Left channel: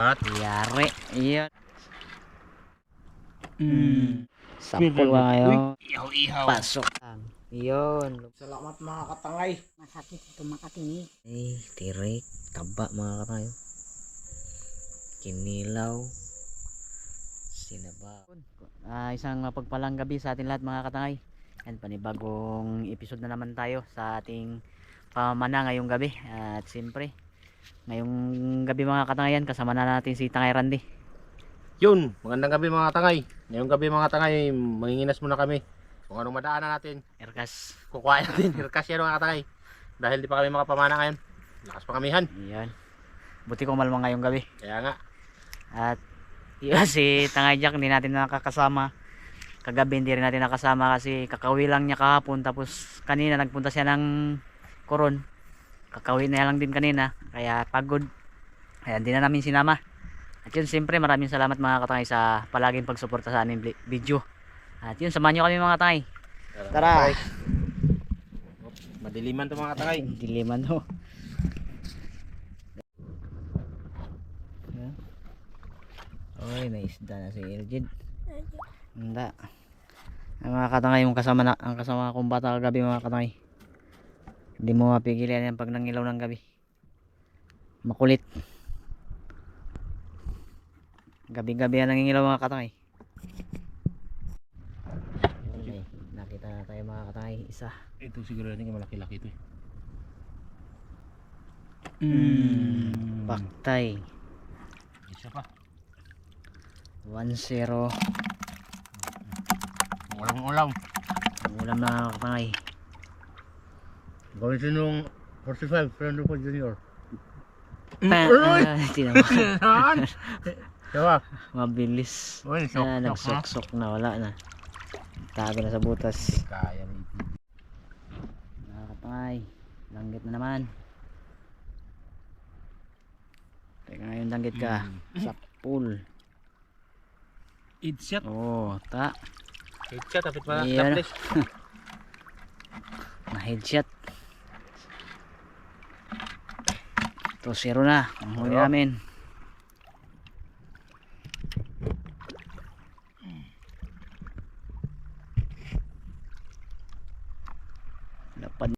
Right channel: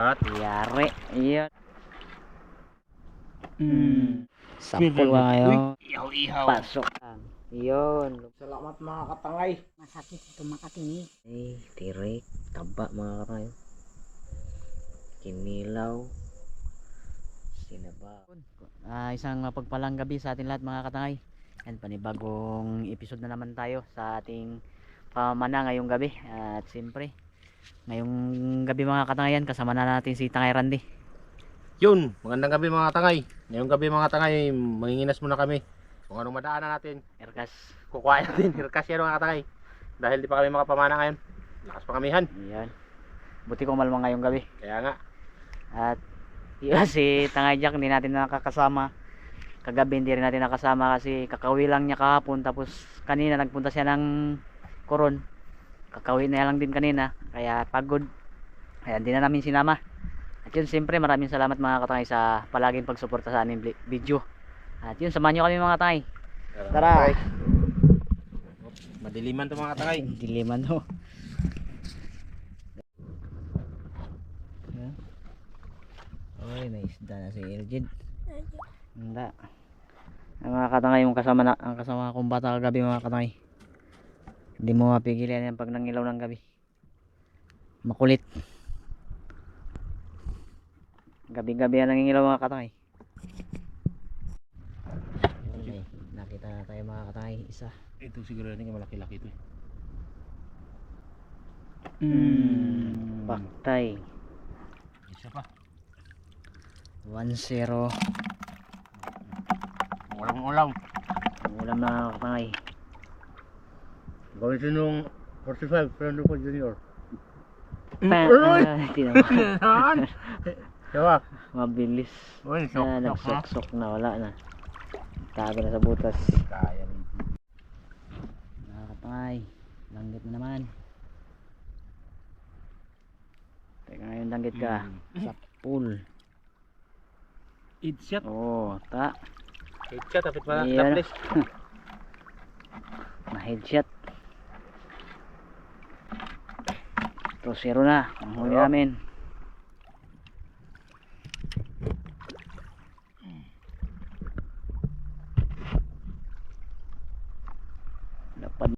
At Yari. Iyon. Mm. Sapul ka ngayon. ihaw-ihaw. Pasok. Iyon. Salamat mga katangay. Masakit ito makatingi. Eh, tirik. Taba mga katayo. Kinilaw. Sinaba. Ah, isang mapagpalang gabi sa atin lahat mga katangay. Yan, panibagong episode na naman tayo sa ating pamana ngayong gabi. At siyempre, ngayong gabi mga katangayan, kasama na natin si Tangay Randy. Yun, magandang gabi mga tangay. Ngayong gabi mga tangay, manginginas muna kami. Kung anong madaanan natin, Erkas. kukuhain natin. Hirkas yan mga tangay. Dahil di pa kami makapamana ngayon. Lakas pa kamihan. Yan. Buti ko malma ngayong gabi. Kaya nga, At yun, si Tangay Jack hindi natin nakakasama. Kagabi hindi rin natin nakasama kasi kakawi lang niya kahapon tapos kanina nagpunta siya ng koron. Kakawi na lang din kanina kaya pagod. Kaya hindi na namin sinama. At yun siyempre maraming salamat mga katangay sa palaging pagsuporta sa aming video. At yun samahan nyo kami mga katangay. Tara. Op, Madiliman to mga tangay. Diliman ho. Oy, may isda na si Elgid. Hindi. Ang mga katangay, yung kasama na, ang kasama kong bata kagabi mga katangay. Hindi mo mapigilan yan pag nangilaw ng gabi. Makulit. Gabi-gabi yan nangingilaw mga katangay. May nakita na tayo mga katangay. Isa. Ito siguro rin malaki-laki ito eh. Mm. Paktay. Isa pa. 1-0. Walang ulam. Na katangay. Gawin siya nung 45, Fernando po Junior. Pa- Aroy! ah. Yan! Diba? Mabilis. Uy, sok, Ah, sok, nagsok-sok na. Wala na. Tago na sa butas. Kaya rin. Mga katangay. Langgit na naman. Teka ngayon langgit ka. Sa pool. Headshot. Oo, ta. Headshot, tapit pa Ayan. na. Na headshot. Ito, zero na. Ang huli Oo. namin. Lapad.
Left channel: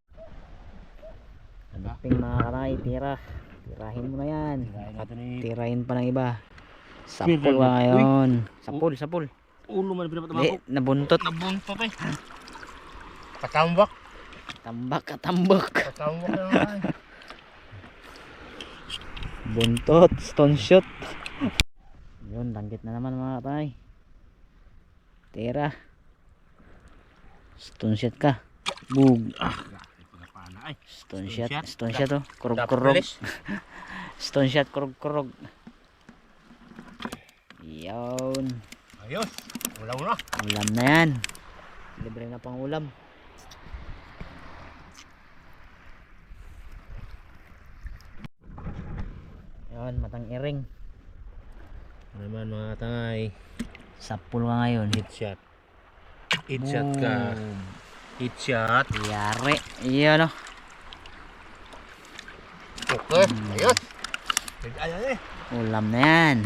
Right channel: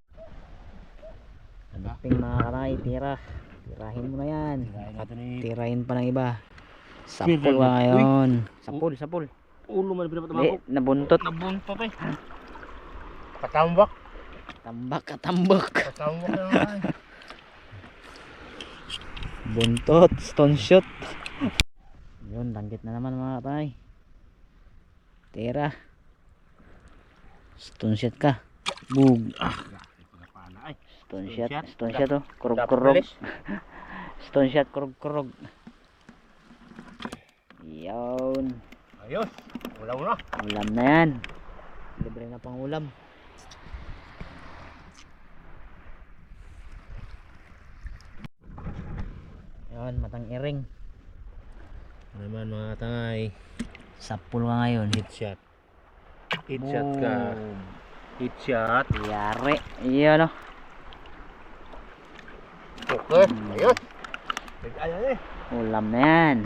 Hanapin mga karay, tira. Tirahin mo na yan. Tirahin pa ng iba. Sapul ka ngayon. Sapul, sapul. ulo man pinapatamako. Hindi, nabuntot. Nabuntot eh. Katambak. Tambak, katambak. Katambak na naman. Buntot, stone shot. Yun, langgit na naman mga katay. Tira. Stone shot ka. Bug. Ah. Stone Stone shot, shot. stone shot oh. Kurog kurog. Stone shot, kurog kurog. Yun. Ayos. Ulam na. Ulam na yan. Libre na pang ulam. Yun, matang iring. Ano naman mga tangay. Sapul ka ngayon. Headshot. Headshot ka. Boom. Headshot. Yari. Iyan oh. Okay. Ayos. Ayan eh. Ulam na yan.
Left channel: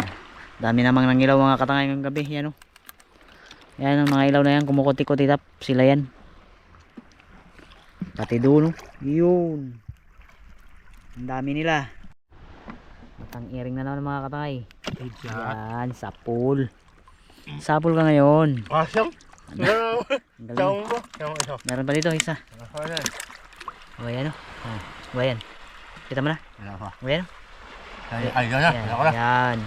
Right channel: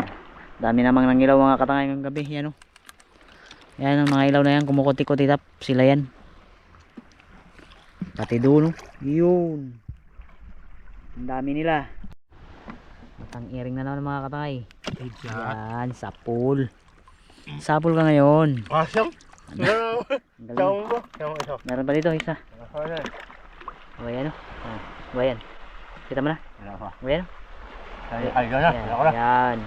Dami namang nangilaw mga katangay ng gabi. Yan oh. Yan ang mga ilaw na yan. Kumukuti-kuti tap. Sila yan. Pati oh. Yun. Ang dami nila. Matang iring na naman mga. Headshot. Yan. Sapul. Sapul ka ngayon. Asyam. Ano? Siyang mo. Siyang Meron pa dito isa. mo. Ano O yan oh. Ah, o yan. Kita mo na. O yan. Ay, ay, gana. Yan. Ano ko na. yan.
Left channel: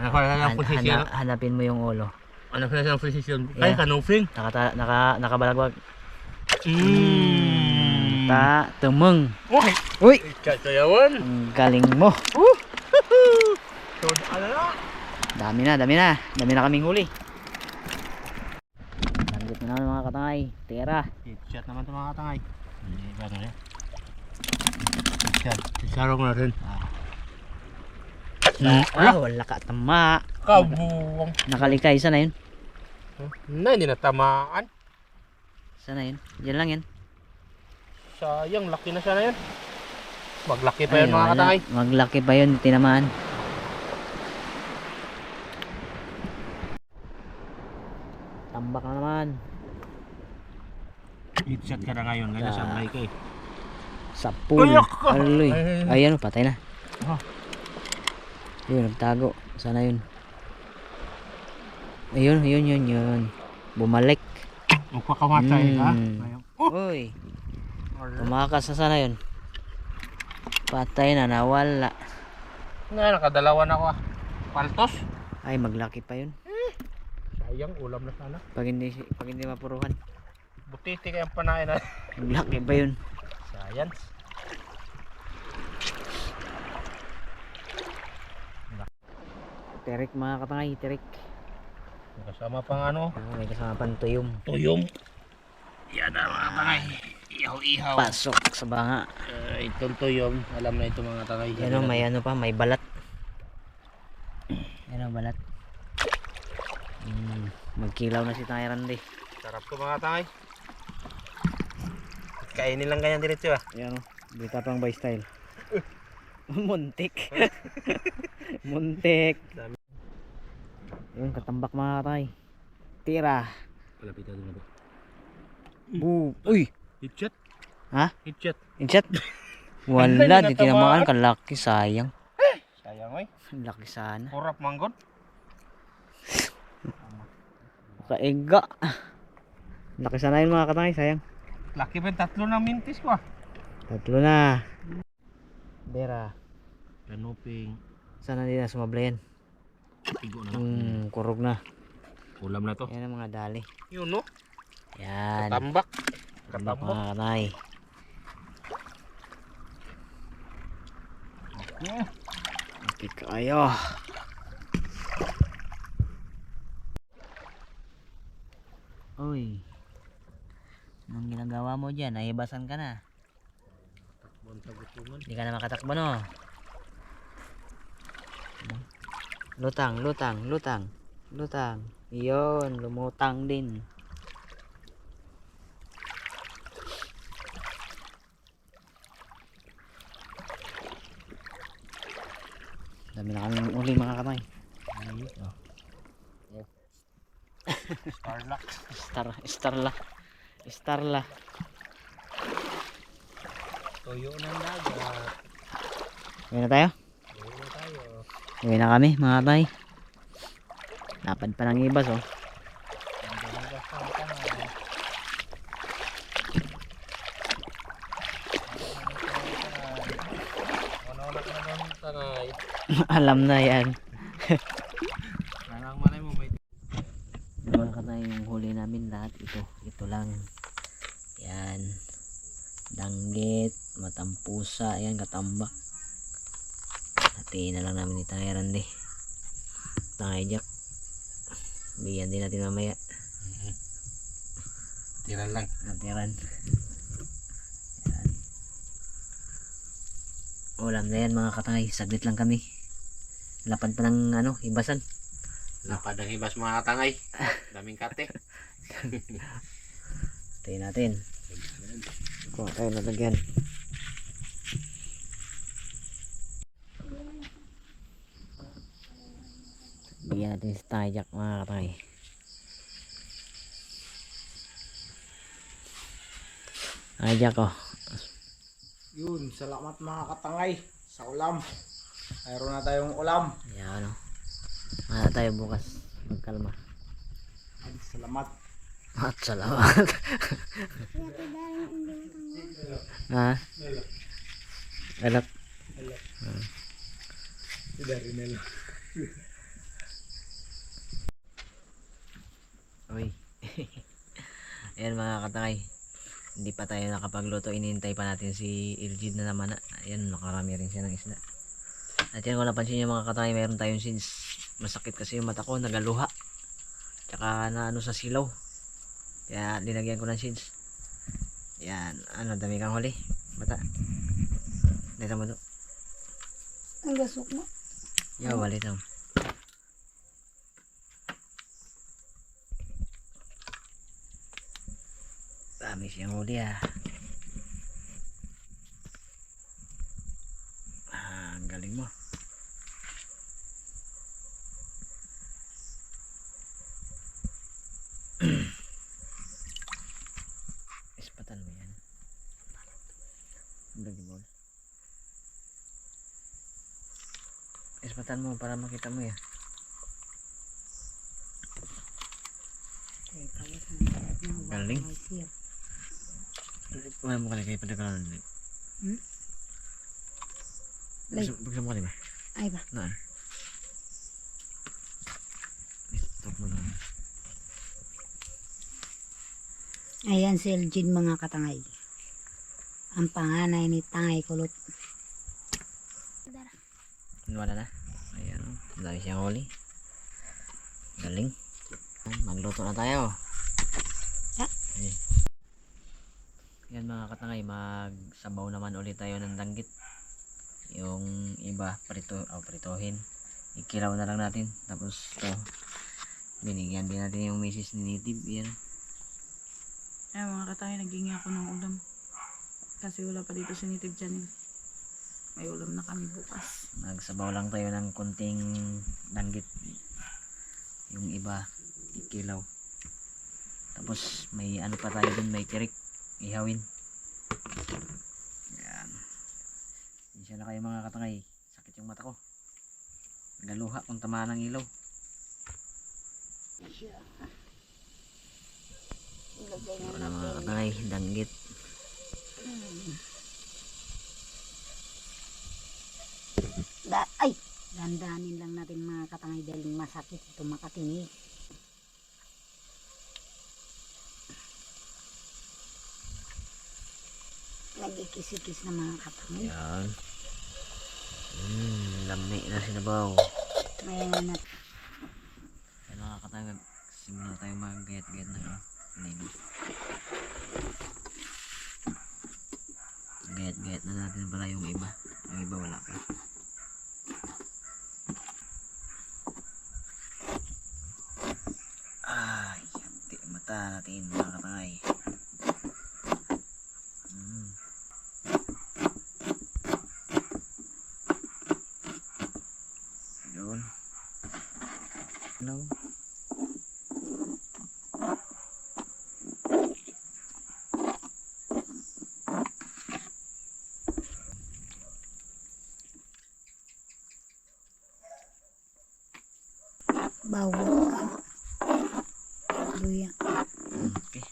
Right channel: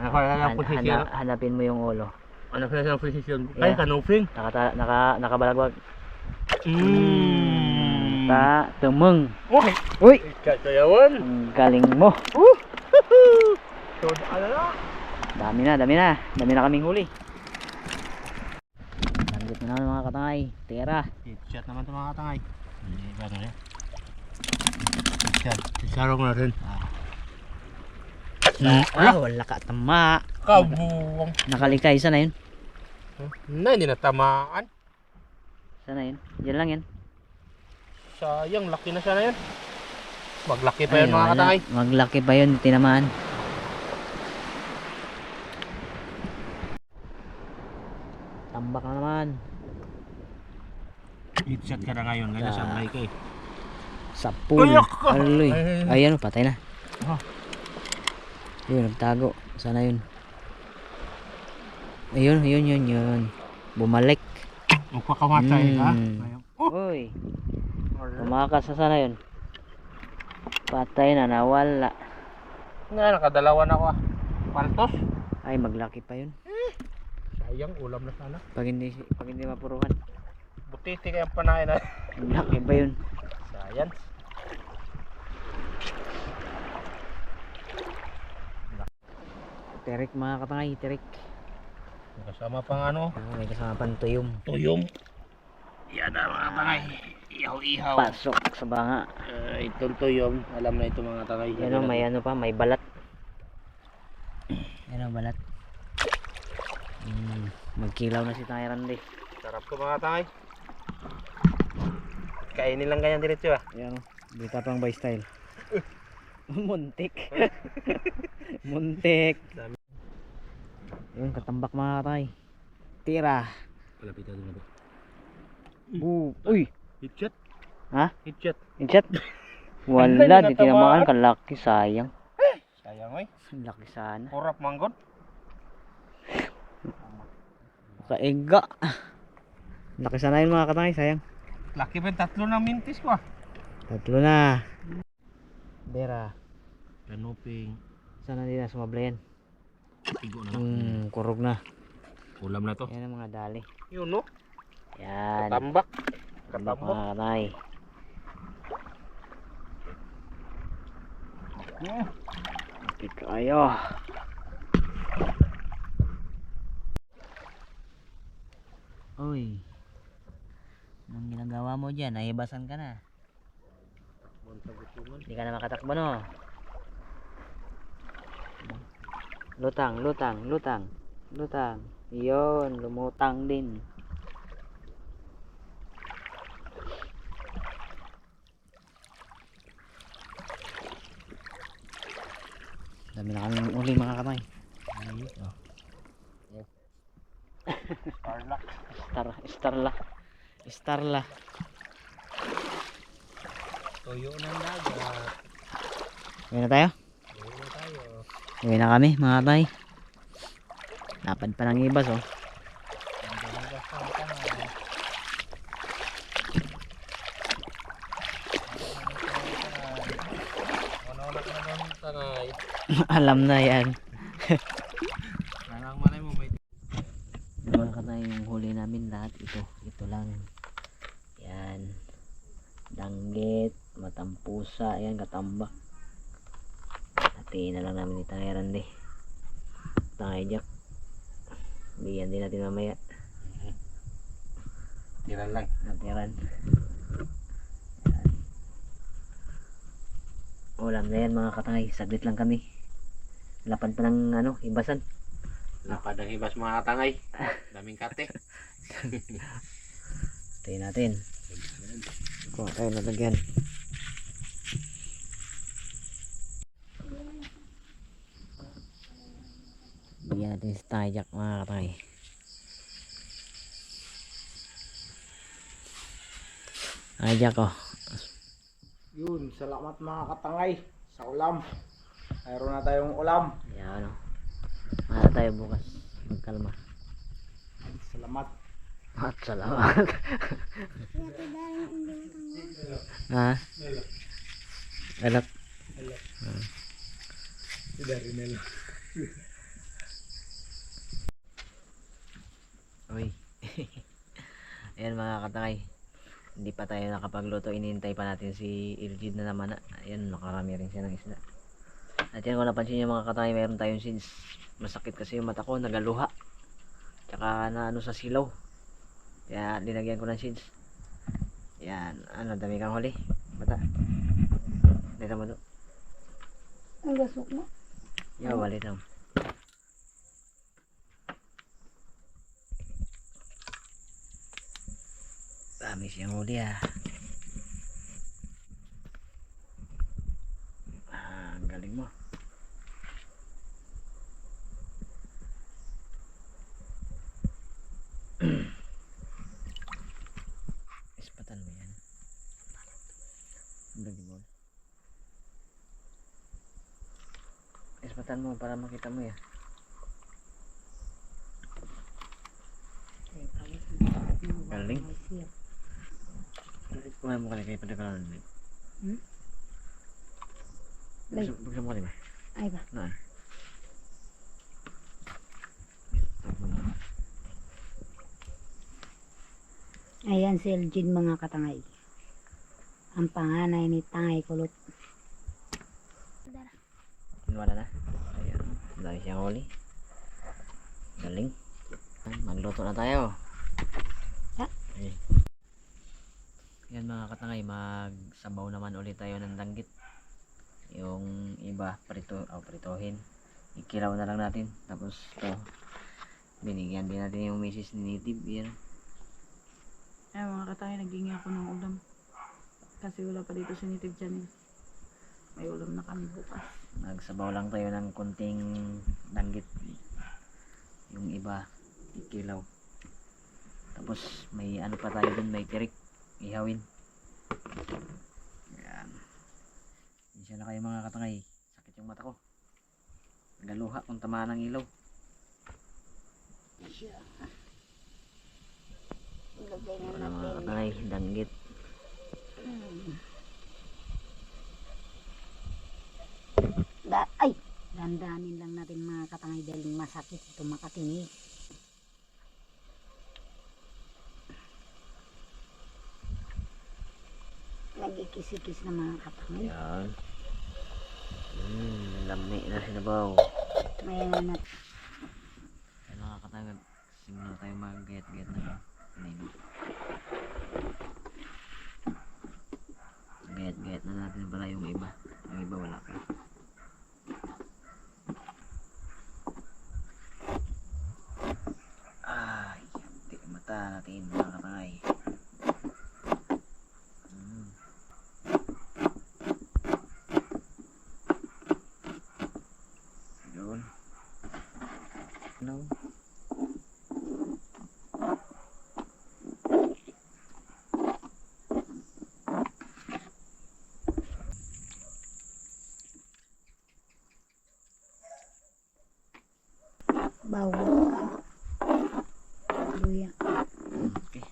Ko na ng posisyon? hana- hanapin mo yung ulo. Ano ko na ng posisyon? Ay, naka nakabalagwag. Mmm. Ta tumeng. Uy. Uy, Katayawan. ang galing mo. Na? Dami na, dami na. Dami na kaming huli. Langgit na naman mga katangay. Tira. Headshot naman ito mga katangay. Hindi ba ano yan? Headshot. Isarong natin. Ah, Ah, wala ka tama. kabuwang. Nakalikay isa na yun. Na, hindi natamaan. Isa na yun. Diyan lang yan. Sayang, laki na sana yan. Maglaki pa Ay, yun mga katangay. Maglaki pa yun, tinamaan. Tambak na naman. Headshot ka na ngayon. Ganyan Ah. sa mic eh. Sa pool. Ka! Aloy. Ay, Ayan, patay na. Ah. Yun, nagtago. Sana yun. Ayun, yun, yun, yun. Bumalik. Magpakamatay. Mm. Ayun. Oh! Uy, tumakas na sana yun. Patay na, nawala. Nga, nakadalawa na ako ah. Paltos. Ay, maglaki pa yun. Sayang, ulam na sana. Pag hindi, pag hindi mapuruhan. Butiti kayang panain na. Maglaki pa yun. Science. Terik mga katangay, terik. Kasama pang ano. May kasama pang tuyom. Tuyong. Yan na mga tangay. Ihaw-ihaw. Pasok sa banga. Uh, itong tuyong. Alam na ito mga tangay. Yan o, may ano pa, may balat. Yan o, balat. Mm, magkilaw na si Tyran di. Sarap to mga tangay. Kainin lang ganyan diretso ah. Yan o, bita pang by style. Muntik. Muntik. Yun, katambak mga katay. Tira. Palapitan doon na ba? Bu Uy! Hitchat. Ha? Hitchat. Inchat. Wala, di tinamaan. Kalaki, sayang. Sayang oy. Laki sana. Kurap manggon. Kaiga. Laki sana yun mga katay, sayang. Laki yung tatlo ng mintis ko ah. Tatlo na. Dera. Kanuping. Sana na sumabla yan. Tigo na. Hmm, kurog na. Ulam na to. Yan ang mga dali. Yun no. Yan. Katambak. Tambak Katambak. Mga katay. Okay kayo. Uy. Anong ginagawa mo dyan? Nahibasan ka na. Hindi ka na makatakbo no. Lutang, lutang, lutang. Lutang. Iyon, lumutang din. Dami na kami uli mga kamay. Starlock. Star, starla. Starla. Tuyo ng dagat. Uwi na tayo? Tuyo na tayo. Uwi na kami mga kamay. Lapad pa ng ibas oh. Ang dalagas ng tangay. Ano na ka naman tangay. Alam na yan. Nanang malay mo may Mga katay yung huli namin lahat ito. Ito lang. Yan. Danggit, matampusa, ayan katambak. Hatiin na lang namin ni Tyran di. Tangay Jack. Bigyan din natin mamaya. tiran lang. Natiran. Yan. Ulam na yan mga katangay. Saglit lang kami. Lapad pa ng ano, ibasan. Lapad ang ibas mga tangay. Daming kate. Tayo natin. Kuha tayo nalagyan. Bigyan natin si Tajak mga katay. Tajak oh. Yun, salamat mga katangay sa ulam. Mayroon na tayong ulam. Yan oh. Mana tayo bukas. Magkalma. Salamat. At salamat. ha? Alak. Si Darinel. Uy. Ayan mga katangay. Hindi pa tayo nakapagluto. Inintay pa natin si Iljid na naman. Ayan, nakarami rin siya ng isda. At yan kung napansin nyo mga katangay, mayroon tayong sins. Masakit kasi yung mata ko, nagaluha. Tsaka na ano sa silaw. Kaya linagyan ko ng sins. Yan, ano, dami kang huli. Bata. Dito mo to. Ang gasok mo. Yo, walit lang. Dami siyang huli ah. Ispatan mo para makita mo yan. Galing. Wala mo kalagay pada ka lang. Hmm? Buksan mo kalagay. Ay ba? Naan? Ayan si Elgin mga katangay. Ang panganay ni Tangay Kulot. Wala na. Dami siyang huli. Galing. Magluto na tayo. Ah. Ay. Yan mga katangay, magsabaw naman ulit tayo ng danggit. Yung iba, prito, oh, pritohin. Ikilaw na lang natin. Tapos to, binigyan din natin yung misis ni Native. Yan. Ay mga katay, naging ako ng ulam. Kasi wala pa dito si Native Channel. May ulam na kami bukas. Nagsabaw lang tayo ng kunting danggit. Yung iba, ikilaw. Tapos may ano pa tayo dun, may tirik. Ihawin. Yan. Isa na kayo mga katangay. Sakit yung mata ko. Galuha kung tamaan ng ilaw. Na Wala mga katangay, danggit. Da ay! Dandanin lang natin mga katangay dahil masakit ito makatinig. Nagikis-ikis na mga katangay. Yan. Hmm, lami na sinabaw. Mayroon na Yan mga katangay, simula tayo mag-gayat-gayat na kanina. Gayat-gayat na natin pala yung iba. Yung iba wala pa. Ay, hati ang mata natin mga katangay. Mm. Yun. No. Bawang. Luya. Okay.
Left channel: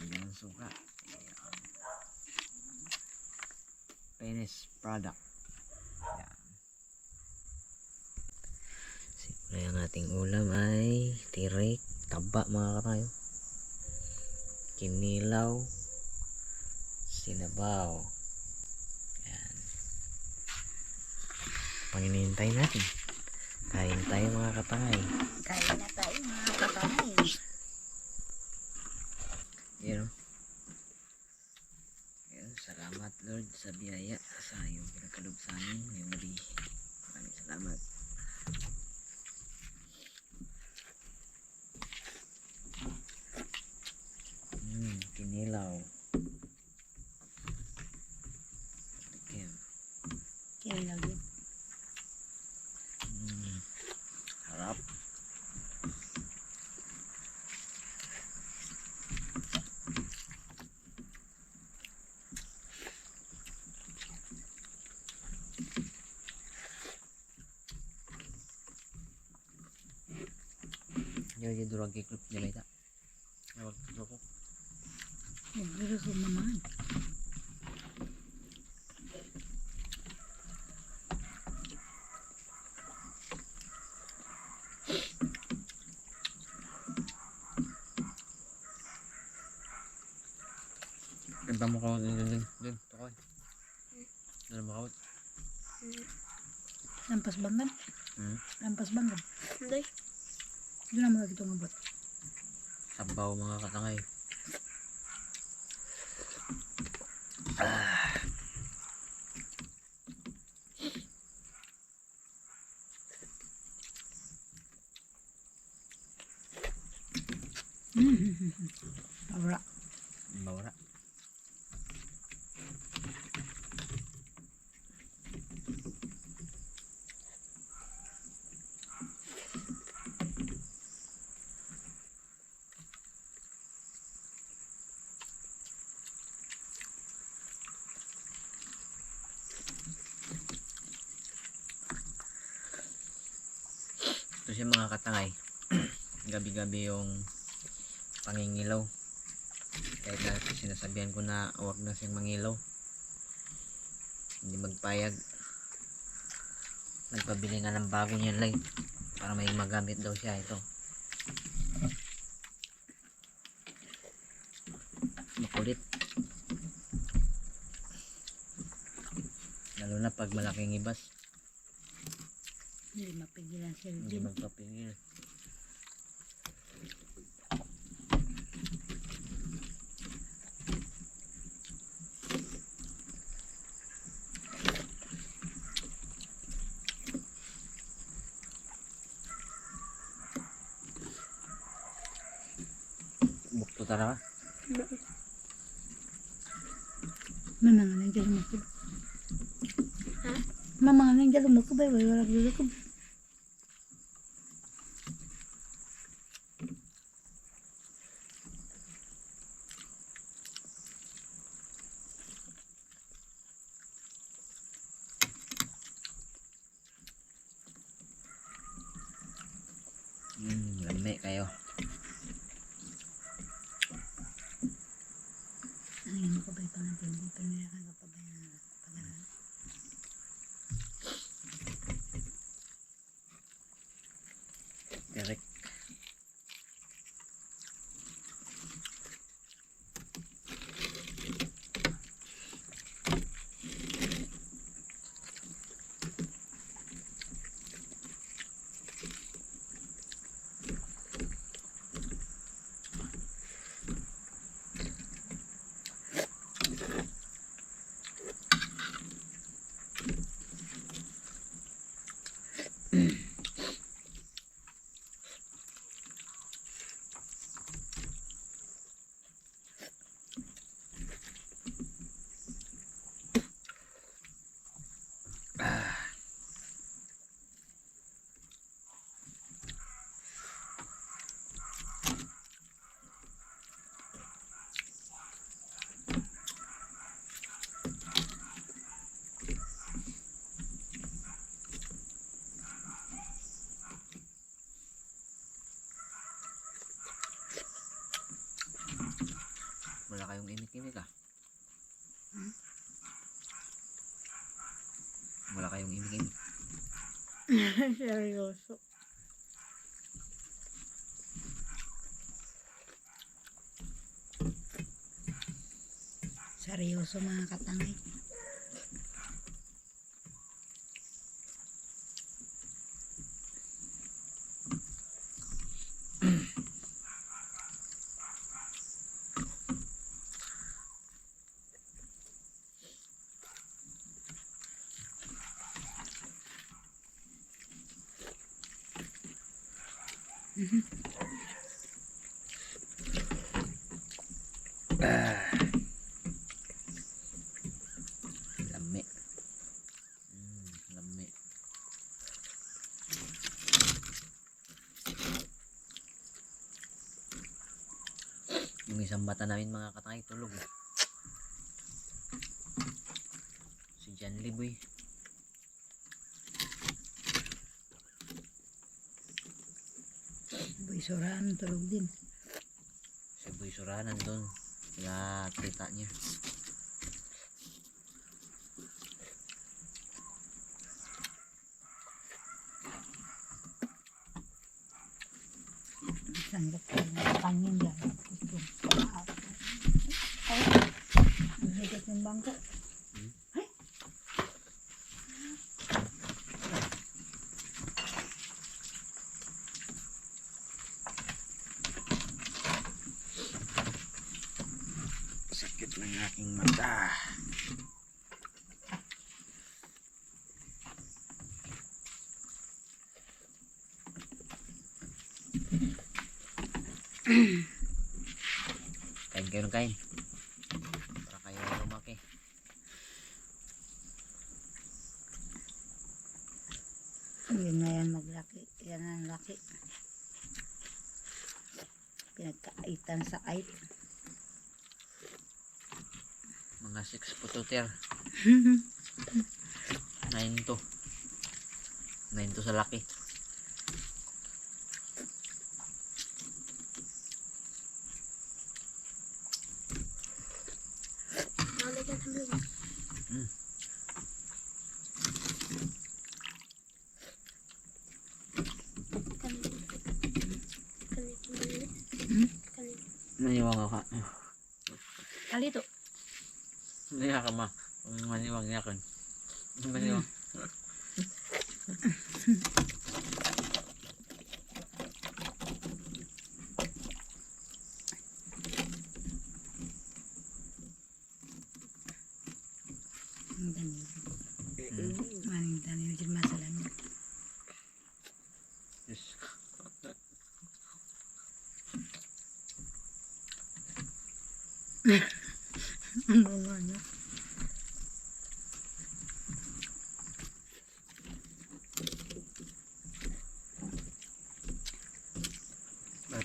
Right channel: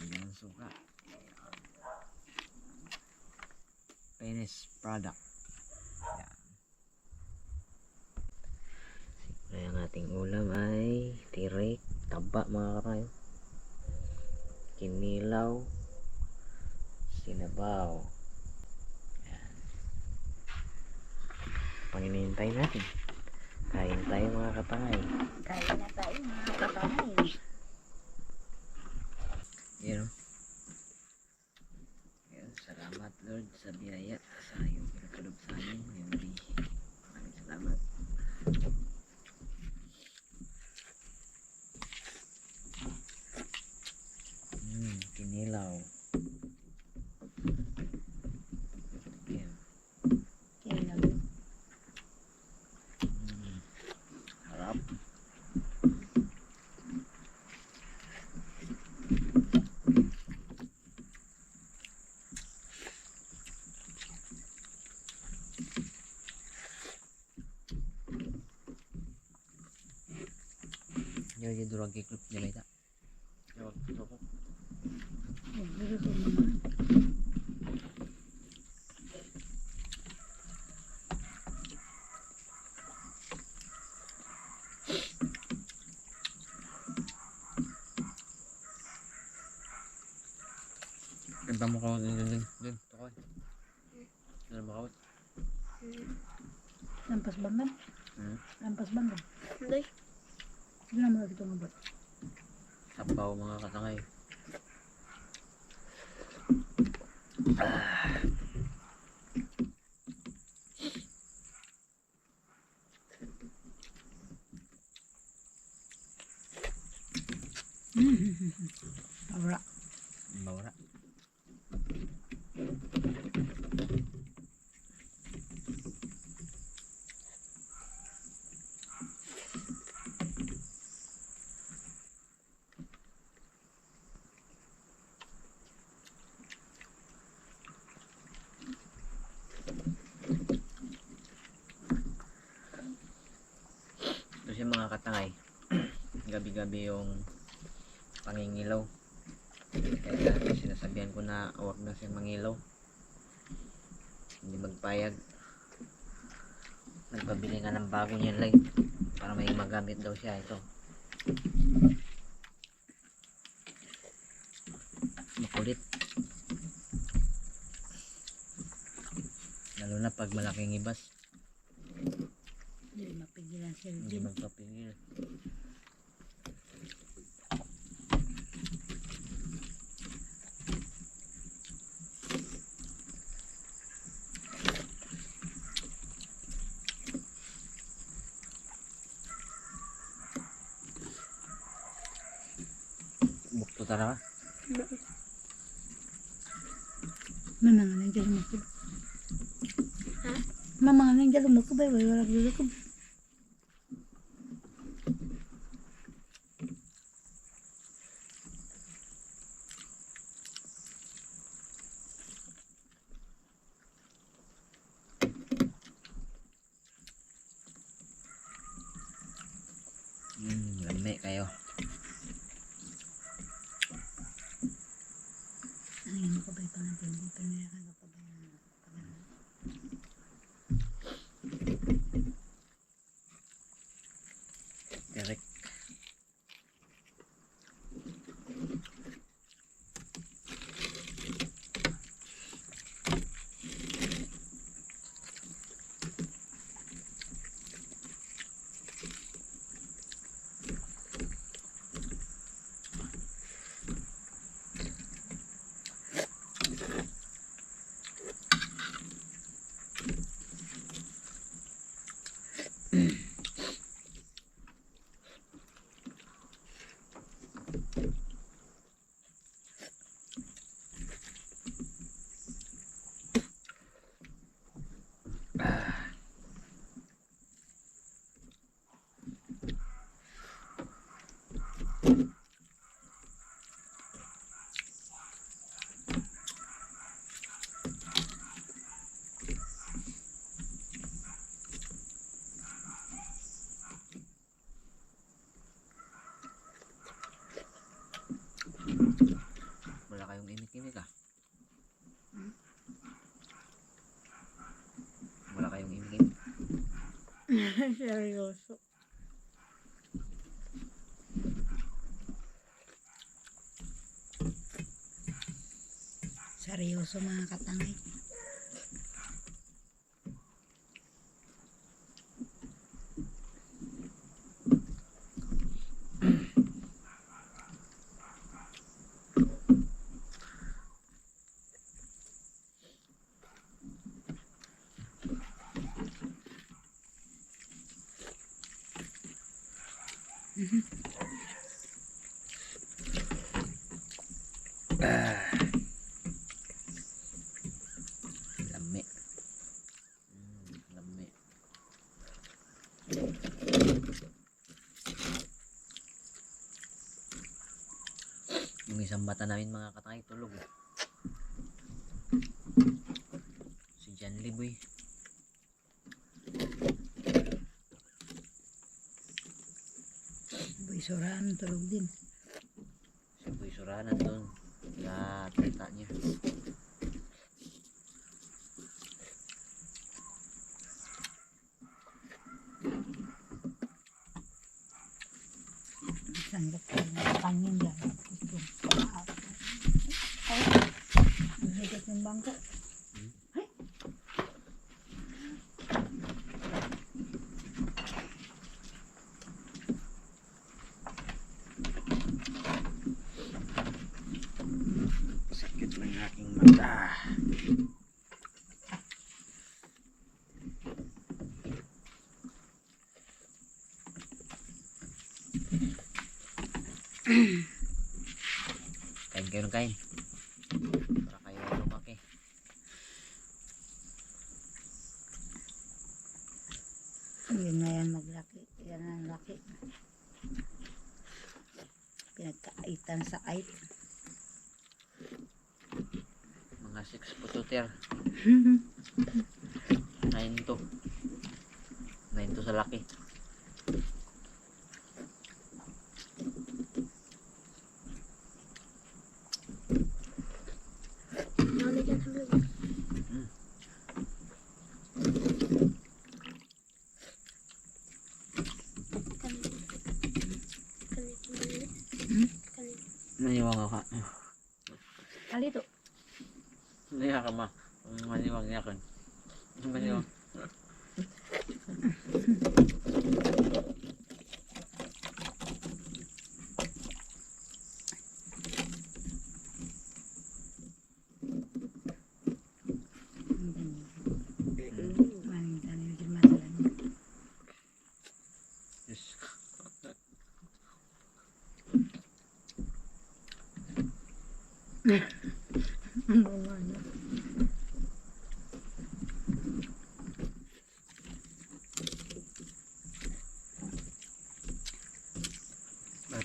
Ayan suka. Penis product. Ayan. Simple ang ating ulam ay tirik, taba mga katayo. Kinilaw, sinabaw. Ayan. Panginihintay natin. Kain tayo mga katangay. Kain na tayo mga katangay. Yan. oh. Yan, salamat Lord sa biyaya sa iyong pinagkalob sa amin ngayong gabi. Maraming salamat. Hmm, kinilaw. Yan. Kaya lagi. Hmm. Harap. Yo, yung durag kay klip nila ita. Yo, ko. Nagluto naman. Ganda mo ka din din din. Tukoy. Ganda mo ka. Lampas bangan. Hmm? Lampas bangan. Hindi. Doon na mga kitong abot. Sabaw mga katangay. Kasi mga katangay, gabi-gabi yung pangingilaw. Kaya sinasabihan ko na huwag na siyang mangilaw. Hindi magpayag. Nagpabili nga ng bago niyan light para may magamit daw siya ito. Makulit. Lalo na pag malaking ibas, hindi Eugene. magpapingil. Bukto talaga. Mama nga nang jalo mo ko. Mama nga nang jalo mo ko ba? Wala jalo ko. Hmm, Seryoso. Seryoso mga katangay. Lami. Mm, lami. Yung isang bata namin mga katangay tulog. eh. Si John Liboy. Boy Soran, tulog din. Si Boy Suranan doon. Na tita niya. Sandok ko ng pangin dyan. Ito. Ay, ang higit ng bangko. Ay. Sakit ng aking mata. Kain kayo ng kain. Para kayo lumaki. Yun na yan maglaki. Yan ang laki. Pinagkaitan sa ait. Mga 6 pututer. 9 to. 9 to sa laki. Bakit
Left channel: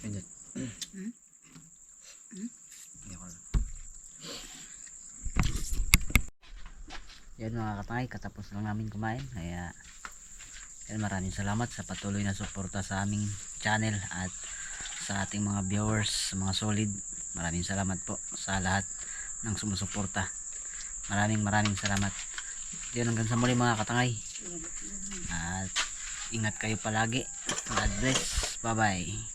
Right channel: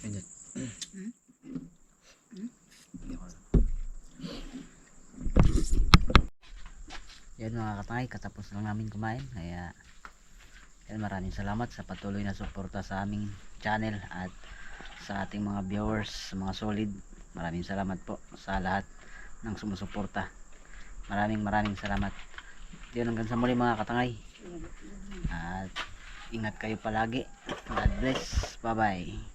hindi? Hindi ko alam. Yan mga katangay, katapos lang namin kumain. Kaya yan, maraming salamat sa patuloy na suporta sa aming channel at sa ating mga viewers, mga solid. Maraming salamat po sa lahat ng sumusuporta. Maraming maraming salamat. Yun hanggang sa muli mga katangay. At ingat kayo palagi. God bless. Bye bye.